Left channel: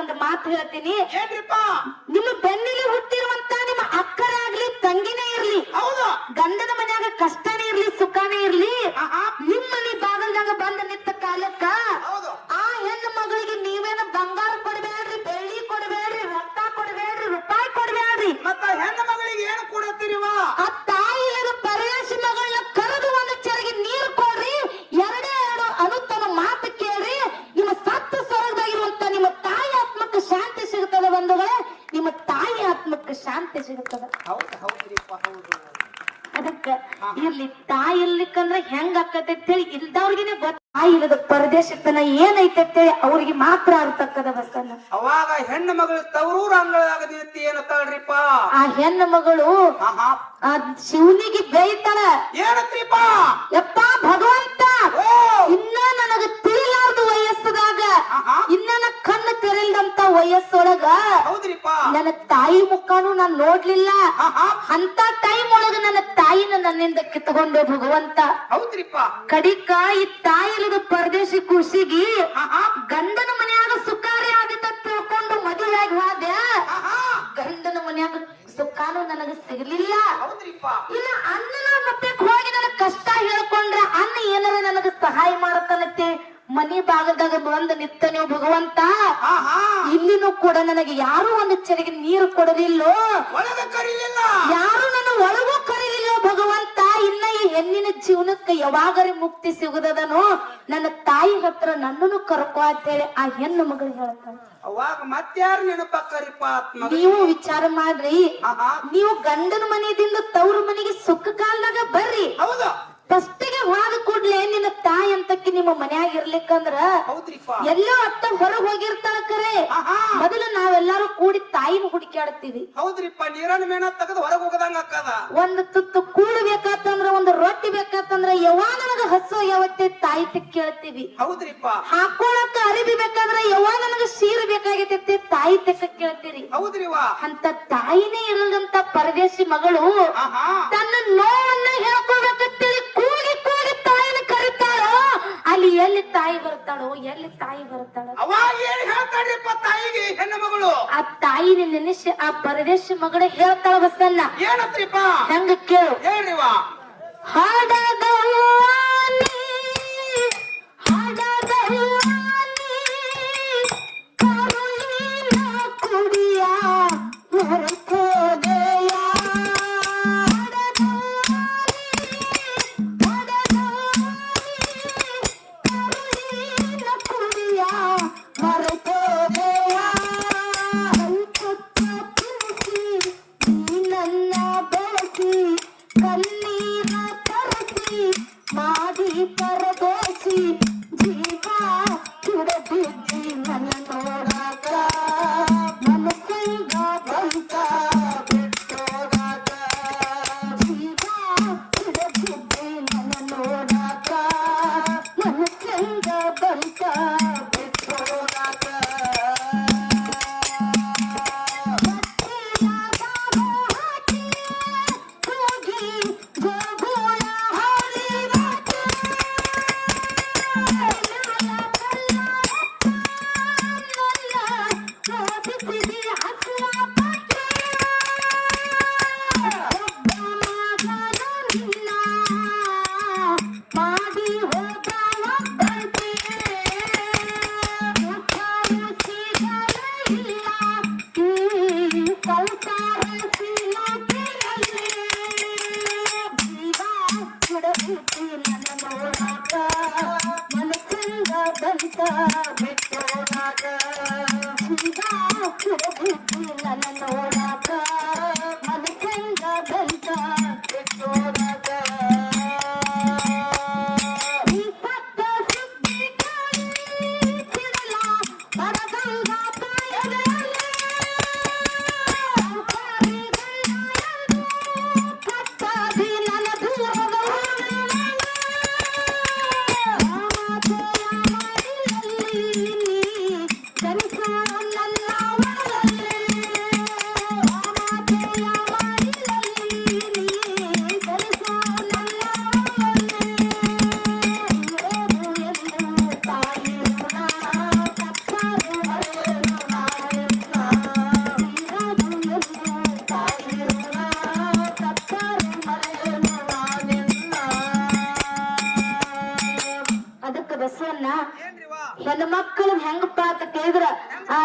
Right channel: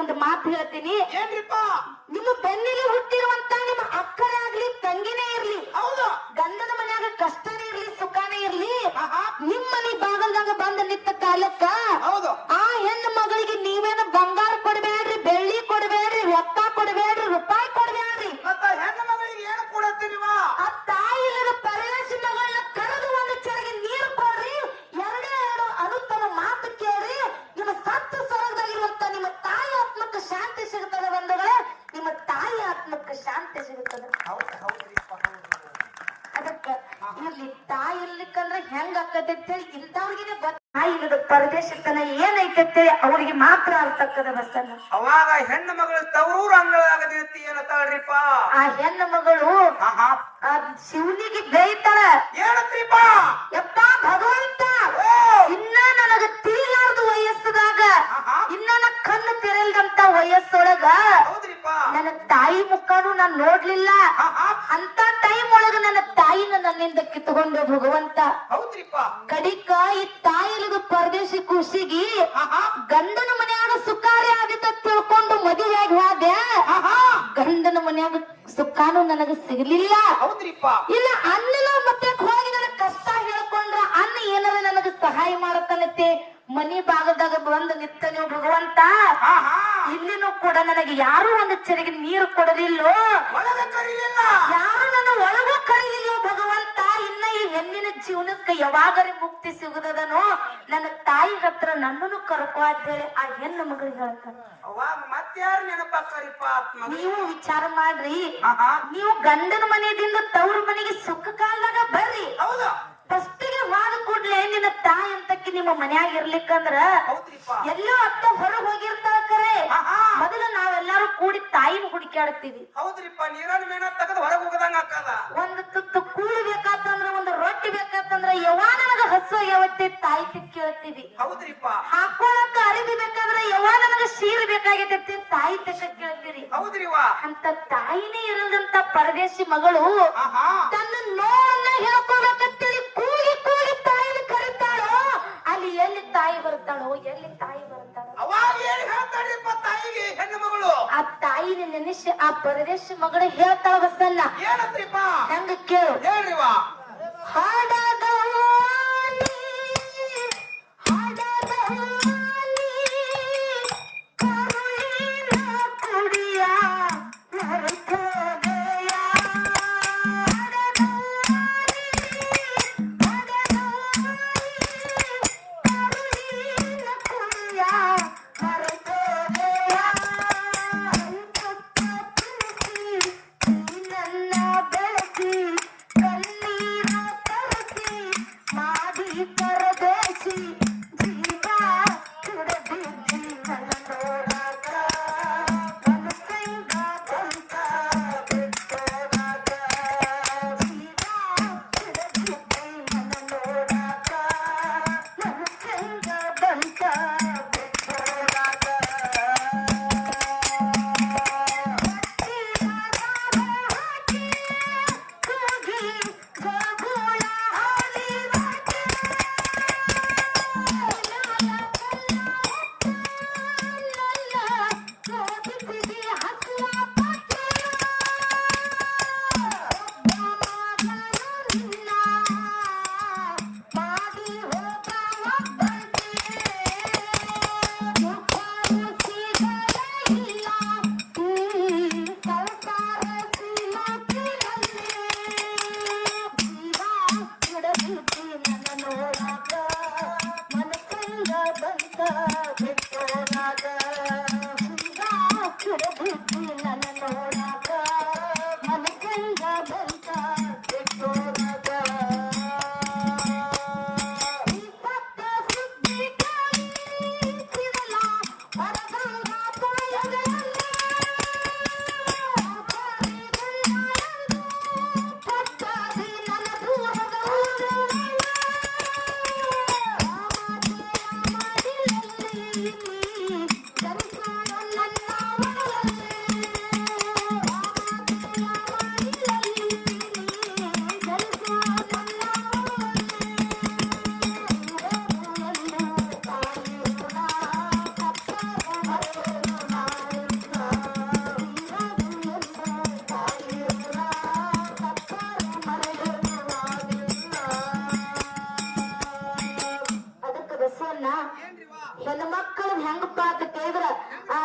ಒಂದು ಮಾತು ಹೇಳ್ತೀನಿ. ನಿಮ್ಮ ಬೆನ್ನಿಗೆ ಹುಟ್ಟಿರುವಂತ ನಿಮ್ಮ ಅಕ್ಕನೇ ಆಗ್ಲಿ ತಂಗಿನೇ ಇರ್ಲಿ, ಗಂಡನ ಮನ್ಯಾಗ ಕಷ್ಟನೇ ಇರ್ಲಿ ಸುಖನೇ ಇರ್ಲಿ, ನಿಮ್ಮಲ್ಲಿ ಬಾಗಲ್ದಾಗ ಬಂದ ನಿಂತ ಕಾಲಕ್ಕ ಆ ಹೆಣ್ಣು ಮಗಳಿಗೆ ನೀವೇನು ಬಂಗಾರ ಕೊಡಬೇಡ್ರಿ, ಬೆಳ್ಳಿ ಕೊಡಬೇಡ್ರಿ, ರೊಕ್ಕ ಕೊಡಬೇಡ್ರಿ, ರೂಪಾಯಿ ಕೊಡಬೇಡ್ರಿ. ಹೆಣ್ಣು ಮಗಳಿಗೆ ಏನು ಕೊಡತ್ತೀರಿವ? ಆ ತಾಯಿಯಾಗ ಪರದೇಶಿ ಮಗಳನ್ನ ಕರೆದು ಒಂದು ಚೆರಿಗೆ ನೀರು ಕೊಡ್ರಿ, ಎರಡೇ ಎರಡು ಅನುತ್ತಮ ಮಾತು ಕೇಳ್ರಿ, ನಿಮ್ಮ ಸತ್ತು ಸ್ವರ್ಗದಾಗಿರುವಂತ ನಿಮ್ಮ ತಾಯಿ ಆತ್ಮಕ್ಕೆ ಶಾಂತಿ ಸಿಗುತ್ತದೆ. ಬಂಧುಗಳೇ, ನಿಮ್ಮ ತಾಯಿ ಆತ್ಮಕ್ಕೆ ಶಾಂತಿ ಸಿಗುತ್ತದೆ. ಅದಕ್ಕ ಇರ್ಲಿ, ತಾಯಿ ಇರ್ಲಿಕ್ಕಂದ್ರ ಹೆಂಗ ಆಕತೈತಿ ಇಲ್ದವ್ರಿಗೇನೆ ಗೊತ್ತ. ತಾಯಿ ಇಲ್ಲದ ಪರದೇಶತನ ಏನೈತೆ ಅಂತೇಳಿ ಅವ್ರಿಗೆ ಮಾತ್ರ ಆಗ್ತಕ್ಕದ ಬಸನ್ನ. ಅವಾಗ ಹೆಣ್ಣು ಮಗಳು ತವರೂರು ಅಂಗಳಾಗದಿರ್ತಿ ಏನತ್ತಾಳ್ರಿಪ್ಪ? ಆ ಹೆಣ್ಣು ಮಗಳು ಶಿವನಿಗೆ ಬೇಯ್ತಾಳ. ಏನತ್ರಿಪ್ಪ? ಯಪ್ಪ ಭಗವಂತ, ಇನ್ನ ನನಗ ತಿಳಿಲಾರ್ದು ವಯಸ್ಸದಾಗ, ಇನ್ನ ಕಣ್ಣು ತೆರೆಲ್ದಂತ ವಯಸ್ಸೊಳಗ ನನ್ನ ತಾಯಿ ಮುಖಾನು ನಾನ್ ನೋಡ್ಲಿಲ್ಲ. ಅಂತ ಟೈಮ್ ಒಳಗ ನನ್ನ ತಾಯಿನ ನನ್ನಿಂದ ಕಿತ್ಕೊಂಡು ಭಗವಂತ. ಹೌದ್ರಿಪ್ಪ. ಕಡಿಕ ಈ ತಾಯಿಲಿದ ಪರದೇಶಿ ಖುಷಿಗಿ ಗಂಡನ ಮನ್ಯಾಗ ಸುಖಾರಿ ಆದಿತ್ತ ತಿಳ್ಕೊಂಡು ಮದುವೆಯಾಗಿ ಹೋದೆ. ಗಂಡನ ಮನ್ಯಾಗ ಸುಖಾನು ನನಗ ಸಿಗ್ಲಿಲ್ಲ. ಇಲ್ಲ ಅನ್ನಿಲ್ಲ, ಮತ್ತೆ ಹೋಗಿ ನನಗ ಕಷ್ಟ ಹೇಳ್ಕೊಂಡ್ರೆ ಅನ್ನ ಏನಾರ ನನಗ ಸಹಾಯ ಮಾಡತ್ತನತ್ತೆ ಮನಿ ಭಾಗದಾಗ ಬಂದು ನಿತ್ತನೆ ಭಗವಂತ. ಇಲ್ಲಿನೂ ಕೂಡ ನನಗೆ ಯಾರು ಒಂದು ಚೆರಿಗೆ ನೀರು ಕೊಡಲಿಲ್ಲೋ, ಯಾರು ನನ್ನ ಒಳಗೂ ಕರೀಲಿಲ್ಲ ಭಗವಂತ. ಇನ್ನ ಈ ಹೆಣ್ಣಿನ ಜೀವನಕ್ಕೆ ಯಾವಾಗರಿ ಮುಕ್ತಿ ಸಿಗುದದನೋ ನನ್ನ ತಾಯಿ ಹತ್ರ ನನ್ನನ್ನು ಕರ್ಕೊ ಅಂತ ಹೇಳಿ ಆ ಹೆಣ್ಣು ಮಗಳು ಹೇಳ್ತಾಳೆ. ಅವಾಗ ಮತ್ಯಾರು ನೆನಪಾಕರಿಪ್ಪ? ನೀವು ವಿಚಾರ ಮಾಡ್ರಿ, ನೀವು ಗಂಡನ ಮನೆಯಿಂದ ತವ್ರ ಮನೆಗೆ ಸುಖ ಕಾಲದಾಗ ಬರ್ರಿ. ಫಸ್ಟಿಗೆ ಹೋದ ಕೂಡ್ಲೆ ನಿನ್ನ ತಾಯಿ ಅಂತಕ್ಕೆ ನಿಮ್ಮ ಮನ್ಯಾಗ ಇರ್ಲಿಕ್ಕಂದ್ರ ಎಲ್ಲೋ ಅತ್ತ ಹೊರಗ್ ಹೋಗಿರ್ತಾಳ ಕರೆ. ಮೊದಲು ನಾವೆಲ್ಲಾರು ಕೂಡಿ ತಾಯಿನ ಹುಡುಕಾಡ್ತೀವಿ. ಹೌದ್ರಿಪ್ಪ. ನೀರನ್ನು ಮೇನ ತೆಗೆದು ಹೊರಗೆ ಹೋಗದಂಗ ಅಕ್ಕದ. ಒಂದು ತುತ್ತು ಕೂಳು ಬೇಕಾತಂದ್ರ, ಒಂದು ರೊಟ್ಟಿ ಬೇಕಾತಂದ್ರ ಯವ್ವ ನನಗ ಹಸು ಯಾವತ್ತೆ ತಾಯಿ ತಿಕ್ ಕೇಳ್ತೀವಿ. ಹೌದ್ರಿಪ್ಪ. ಹಾಕೊಳಕ ಅರಿವಿ ಬೇಕಾದ್ರೆ ಯವ್ವ ನನಗ ಸೀರೆ ಬೇಕಾಗಿರ್ತೈತಿ ತಾಯಿ ತಿಕ್ಕ ಕೇಳ್ತೀರಿ. ಹೌದ್ರಿವ. ಅಂತ ತಾಯಿನೇ ಇಲ್ಲದಂತ ಪರದೇಶಿ ಮಗಳು ತನ್ನ ನೋವನ್ನ ಹೇಳ್ಕೊಬೇಕಂತೇಳಿ ಕೂಗಿ ಕೂಗಿ ತಾಯಿನ ಕರೀತಾಳೋ, ಅಲ್ಲಿ ಎಲ್ಲಿ ತಾಯಿ ಬರ್ತಾಳೋ, ಎಲ್ಲಿ ತಾಯಿ ಬರ್ತಾಳೋ. ಅವಾಗ ಏನ್ ಹೇಳ್ತಾಳ್ರಿಪ್ಪ ತಾಯಿಗೆ ಹೆಣ್ಣು ಮಗಳು? ಆ ತಾಯಿನ ನೆನೆಸಿ ಆ ಪರದೇಶಿ ಮಗಳು ಹೇಳ್ತಾಳ ಬಸನ್ನ. ಏನತ್ರಿಪ್ಪ? ಹೆಂಗ ಕೇಳು, ಹೇಳ್ರಿವ. ಹಾಡದವಾನಿ ಹಾಡದವಾನಿ ಕರುಳಿನ ಕುಡಿಯ ಮರೆತೋದೆಯ.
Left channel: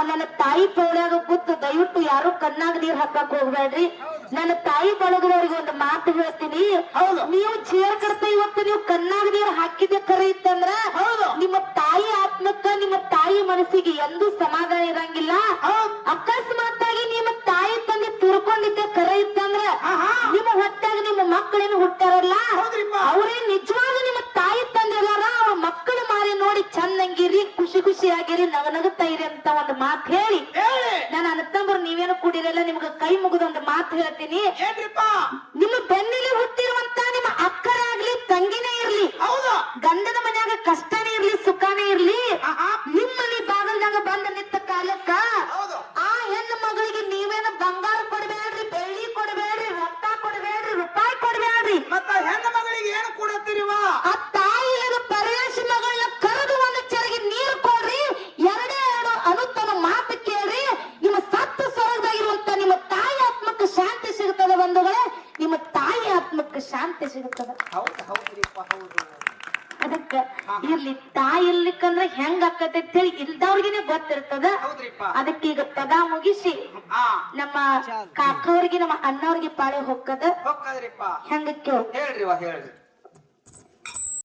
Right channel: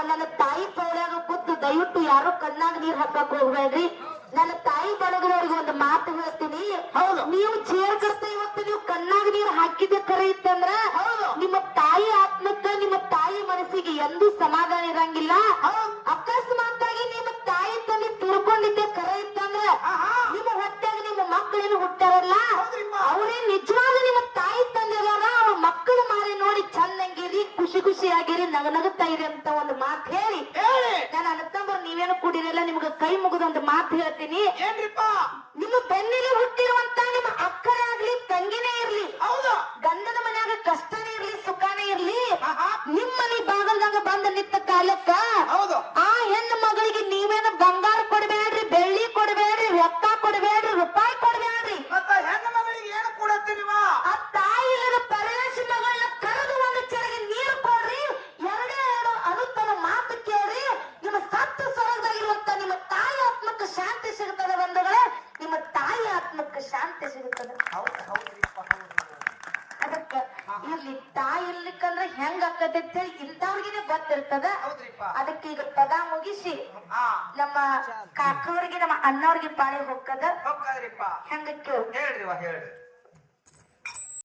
ನನ್ನ ತಾಯಿ ತೋಳ್ಯಾಗ ಕೂತು ದಯವಿಟ್ಟು ಯಾರು ಕಣ್ಣಾಗ ನೀರ್ ಹಾಕಕ್ ಹೋಗ್ಬೇಡ್ರಿ. ನನ್ನ ತಾಯಿ ಬಳಗದವ್ರಿಗೆ ಒಂದು ಮಾತು ಹೇಳ್ತೀನಿ. ನೀವು ಚೇರ್ ಕಡ್ತ ಇವತ್ತು ನೀವು ಕಣ್ಣಾಗ ನೀರ್ ಹಾಕಿದ್ದೆ ಖರೆ ಇತ್ತಂದ್ರ ನಿಮ್ಮ ತಾಯಿ ಆತ್ಮಕ್ಕ ನಿಮ್ಮ ತಾಯಿ ಮನಸ್ಸಿಗೆ ಎಂದೂ ಸಮಾಧಾನ ಇರಂಗಿಲ್ಲ. ಅಕಸ್ಮಾತ್ ಆಗಿ ನಿಮ್ಮ ತಾಯಿ ತಂದೆ ತಿಳ್ಕೊಂಡಿದ್ದೆ ಖರೆ ಇತ್ತಂದ್ರ ನಿಮ್ಮ ಹೊಟ್ಟಾಗ ನಿಮ್ಮ ಮಕ್ಕಳೇನು ಹುಟ್ಟಾರಲ್ಲ ಅವರೇ ನಿಜವಾದ ನಿಮ್ಮ ತಾಯಿ ತಂದೆ ಅಲ್ಲಾರ. ಅವ್ರ ಮಕ್ಕಳು ಮಾರಿ ನೋಡಿ ಚಂದಂಗಿರಿ, ಖುಷಿ ಖುಷಿಯಾಗಿರಿ, ನಗನಗುತ್ತಾ ಇರಿ ಅಂತ ಒಂದು ಮಾತು ಹೇಳಿ ನಾನು ಅಣ್ಣತಂಬ್ರು ನೀವೇನು ಕೂಡಿರಲ್ಲ ನಿಮ್ಗೆ ಕೈ ಮುಗಿದ ಒಂದು ಮಾತು ಹೇಳ್ತೀನಿ. ನಿಮ್ಮ ಬೆನ್ನಿಗೆ ಹುಟ್ಟಿರುವಂತ ನಿಮ್ಮ ಅಕ್ಕರಾಗ್ಲಿ ತಂಗಿನೇ ಇರ್ಲಿ, ಗಂಡನ ಮನ್ಯಾಗ ಕಷ್ಟನೇ ಇರ್ಲಿ ಸುಖನೇ ಇರ್ಲಿ, ನಿಮ್ಮಲ್ಲಿ ಬಾಗಲ್ದಂಗ ಬಂದ ನಿಂತ ಕಾಲಕ್ಕ ಆ ಹೆಣ್ಣು ಮಗಳಿಗೆ ನೀವೇನು ಬಂಗಾರ ಕೊಡ್ಬೇಡ್ರಿ, ಬೆಳ್ಳಿ ಕೊಡ್ಬೇಡ್ರಿ, ರೊಕ್ಕ ಕೊಡ್ಬೇಡ್ರಿ, ರೂಪಾಯಿ ಕೊಡ್ಬೇಡ್ರಿ. ಹೆಣ್ಣು ಮಗಳಿಗೆ ಏನು ಕೊಡತ್ತೀರಿವ? ಆ ತಾಯಿಯಾಗ ಪರೇಶ ಮಗಳನ್ನ ಕರೆದು ಒಂದು ಚೆರಿಗೆ ನೀರು ಕೊಡ್ರಿ, ಎರಡೇ ಎರಡು ಅನುತ್ತಮ ಮಾತು ಕೇಳ್ರಿ. ನಿಮ್ಮ ಸತ್ತು ಸ್ವರ್ಗದಾಗಿರುವಂತ ನಿಮ್ಮ ತಾಯಿ ಆತ್ಮಕ್ಕೆ ಶಾಂತಿ ಸಿಗುತ್ತದೆ ಬಂಧುಗಳೇ, ನಿಮ್ಮ ತಾಯಿ ಆತ್ಮಕ್ಕೆ ಶಾಂತಿ ಸಿಗುತ್ತದೆ. ಅದಕ್ಕ ಇರ್ಲಿ ತಾಯಿ ಇರ್ಲಿಕ್ಕಂದ್ರೆ ಹೆಂಗ್ ಆಕತೆ ಹೇಳಿ ಇಲ್ದವ್ರಿಗೇನೆ ಗೊತ್ತಿರ್ತದ. ಅದಕ್ಕೆ ಈಗ ಪದ ಮುಗಿಸಿ ನಮ್ಮ ಕಾಕವ್ರಿಗೆ ನಮ್ಮ ಅಣ್ಣವ್ರಿಗೆ ಪಾಳೆ ಹೊಕ್ಕದ ಹೋಗ್ತದ್ರಿಪ್ಪ. ಹೆಂಗ ಕೇಳಿ ಹೇಳ್ರಿವ ಹೇಳ್ರಿ.